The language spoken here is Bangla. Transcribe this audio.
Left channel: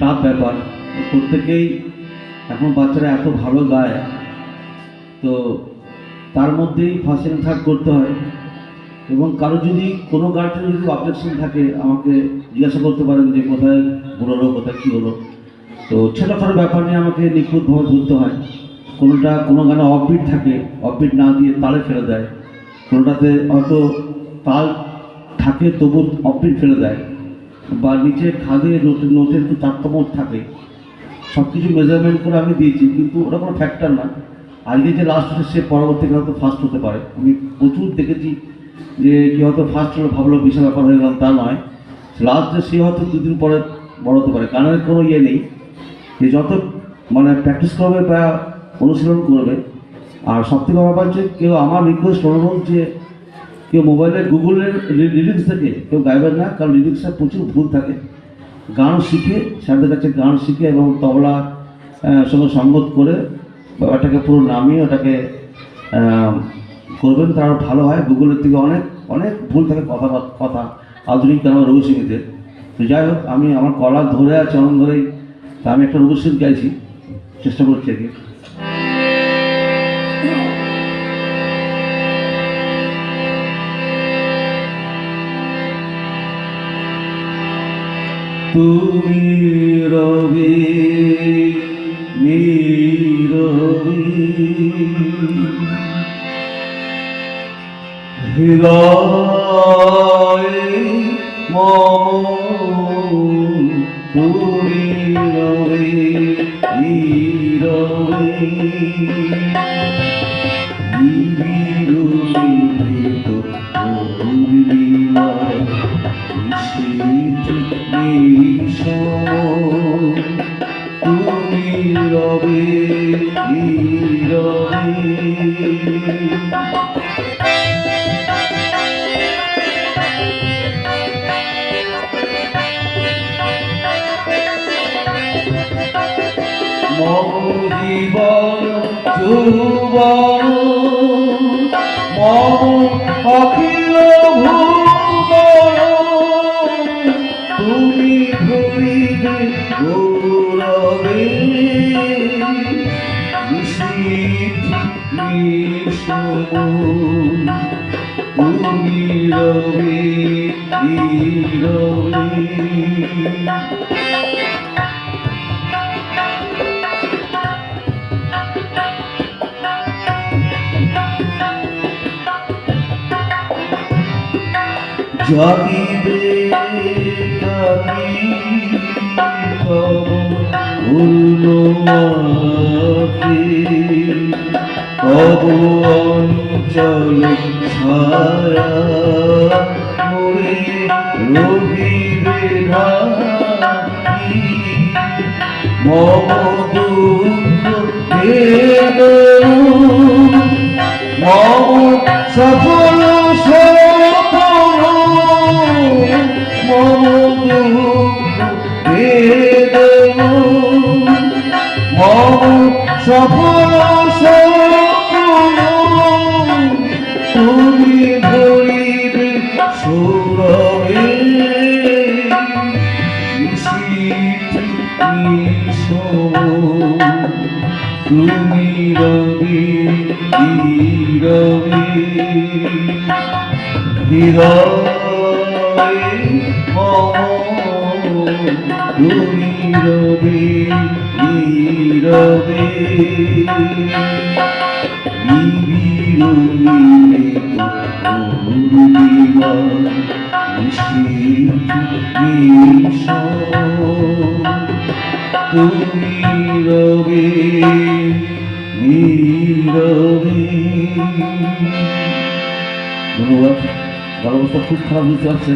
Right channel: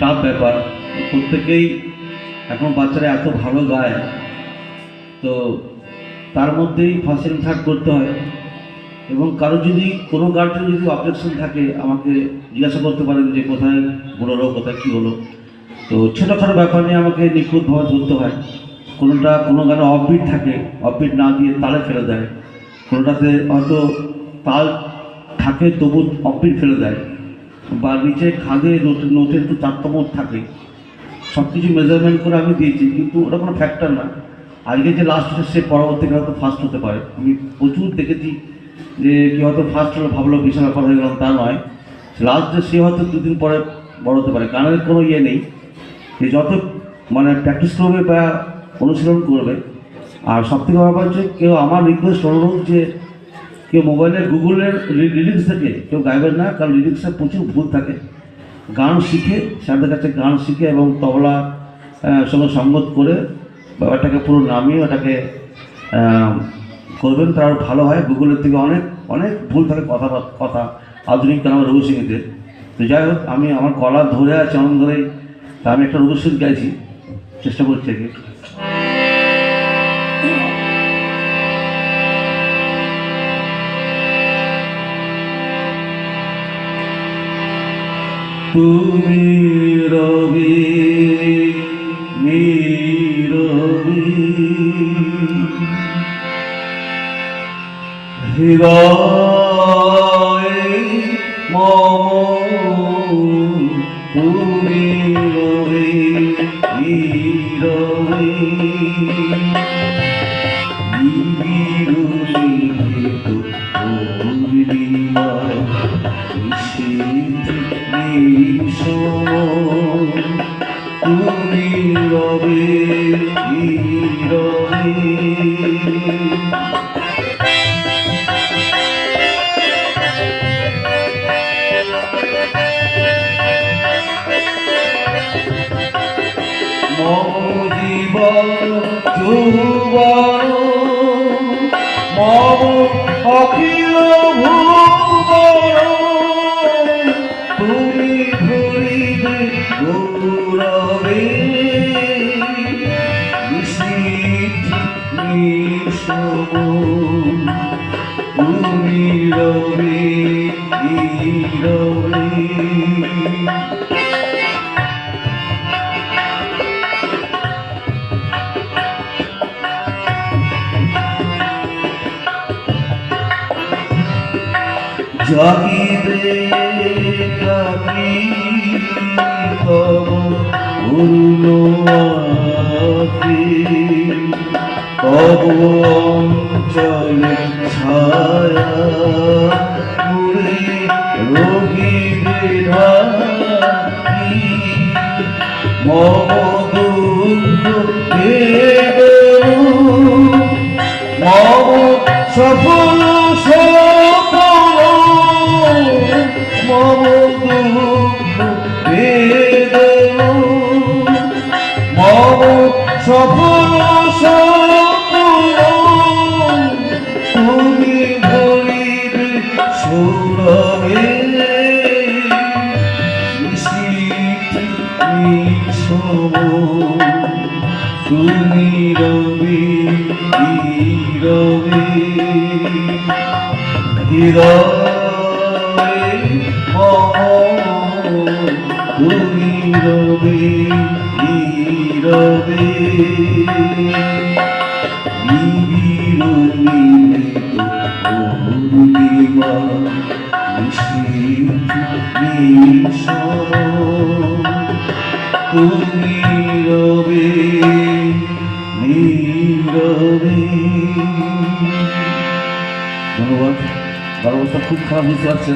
টাফ ব্যাপার। প্রত্যেকেই এখন বাচ্চারা এত ভালো গায়, তো তার মধ্যেই ফার্স্ট সেকেন্ড থার্ড করতে হয়। এবং কারো যদি কোনো গার্জেন যদি অবজেকশন থাকে আমাকে জিজ্ঞাসা করতে পারেন যে কোথায় ভুল হলো, কোথায় কী হলো। তো ছোটোখাটো ব্যাপার নিয়ে আমাকে নিখুঁতভাবে ধরতে হয়। কোনো গানে অফবিট থাকে, অফবিট না দিয়ে তালে ফেলে দেয়। কোনোটাতে হয়তো তাল থাকে তবু অফবিট ফেলে দেয়, বা নিচে খাদে নোটের একটু তারতম্য থাকে। সব কিছু মেজারমেন্ট করে আমি দিয়েছি, কিন্তু ওটা কোনো ফ্যাক্টর না। আজকে যে লাস্ট হচ্ছে সে পরবর্তীকালে হয়তো ফার্স্ট হতে পারে। আমি প্রচুর দেখেছি যে কেউ হয়তো ফার্স্ট হলো ভাবলো বিশাল ব্যাপার হয়ে গেলাম, তা নয়। লাস্ট যে সে হয়তো দুদিন পরে বড় হতে পারে। গানের কোনো ইয়ে নেই, যে যত প্র্যাকটিস করবে বা অনুশীলন করবে। আর সবথেকে ব্যাপার হচ্ছে কেউ আমার রিকোয়েস্ট অনুরোধ যে কেউ মোবাইলের গুগলের লিরিক্স থেকে কেউ গাইবেন না, কারণ লিরিক্সে প্রচুর ভুল থাকে। গান শিখে স্যারদের কাছে গান শিখে এবং তবলা সঙ্গে সঙ্গত করে ব্যাপারটাকে পুরো নামিয়ে ওটাকে করবেন, তার ভালো হয়। গুগলের থেকে অনেক অনেক ভুল থাকে কথা আধুনিক গান রঘুসিংহীদের। তো যাই হোক, আমি আমার গলা ধরে আছে অনেক ধরেই, আমি একটা রঘুসিংহ গাইছি, চেষ্টা করছি আর কি। তুমি রবি নীরবি হৃদয় মম, তুমি রবি নীরবি তুমি রবে নীরবে। মম জীবন যৌবন মম অখিল ভুবন, তুমি ধরিবে গৌরবে তুমি রবে নীরবে। জাগিবে কাকি তব পূর্ণ আঁখি, তব অঞ্চলে ছায়া মুড়ে রহিবে ঢাকি। মম দুঃখ বেদনা মম সফল মম দুঃখ বেদনা মম সফল তুমি ধরিবে সৌরভে তুমি রবি নীরবে হৃদয় মম, তুমি রবি নীরবে তুমি রবে নীরবে। ধন্যবাদ। ব্যবস্থা খুব খারাপ হয়েছে।